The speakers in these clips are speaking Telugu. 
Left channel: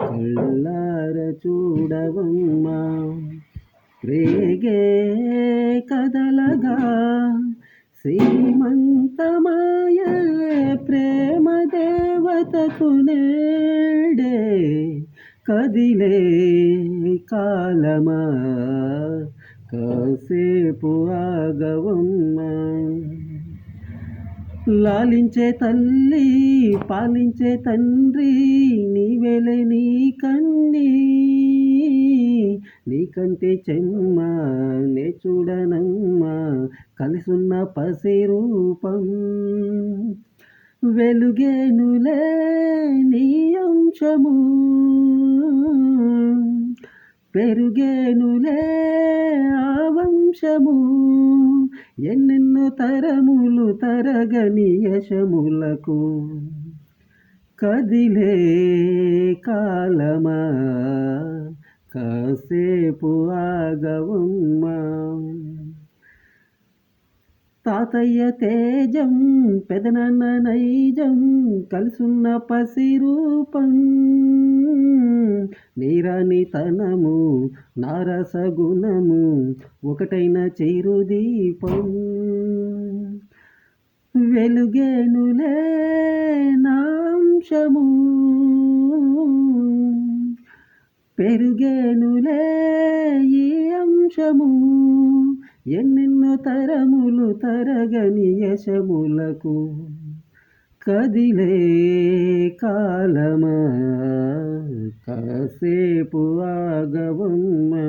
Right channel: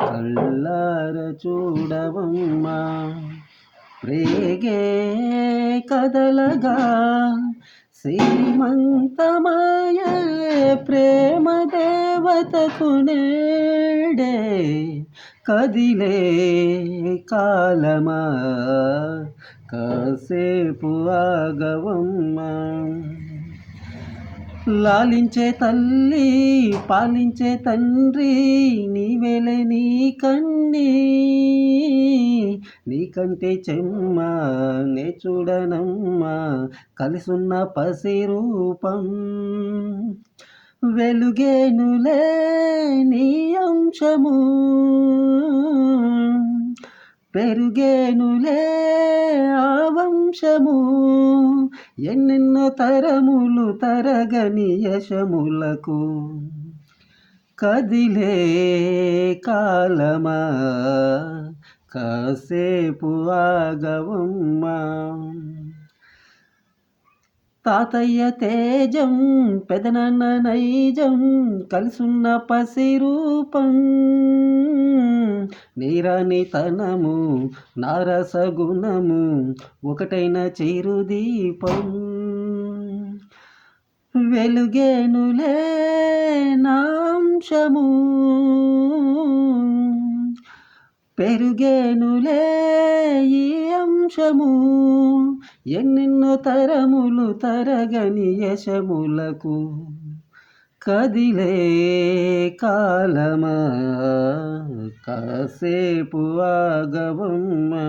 కళ్ళార చూడవమ్మా రేగే కదలగా శ్రీమంతమాయ ప్రేమ దేవతకు నేడే కదిలే కాలమా కాసేపు ఆగవమ్మా లాలించే తల్లి పాలించే తండ్రి నీవేలే నీ కన్నీ నీకంటే చెమ్మ నే చూడనమ్మా కలిసున్న పసి రూపం వెలుగేనులే నీ అంశము పెరుగేనులే ఆ వంశము ఎన్నెన్నో తరములు తరగని యశములకు కదిలే కాలమా కాసేపు ఆగవమ్మా తాతయ్య తేజం పెదనాన్న నైజం కలిసున్న పసి రూపం నీరానితనము నారసగుణము ఒకటైన చిరుదీపం వెలుగేనులే నాంశము పెరుగేనులే ఈ అంశము ఎన్నెన్నో తరములు తరగని యశములకు కదిలే కాలమా కాసేపు ఆగవమ్మా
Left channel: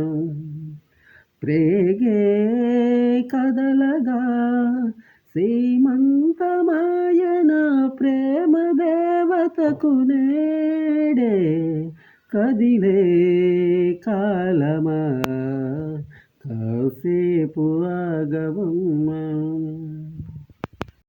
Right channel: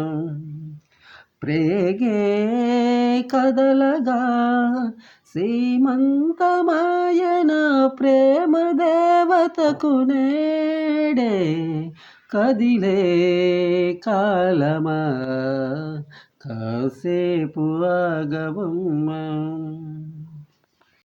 ప్రేగే కదలగా శ్రీమంతమాయన ప్రేమ దేవతకు నేడే కదిలే కాలమా కాసేపు ఆగవమ్మా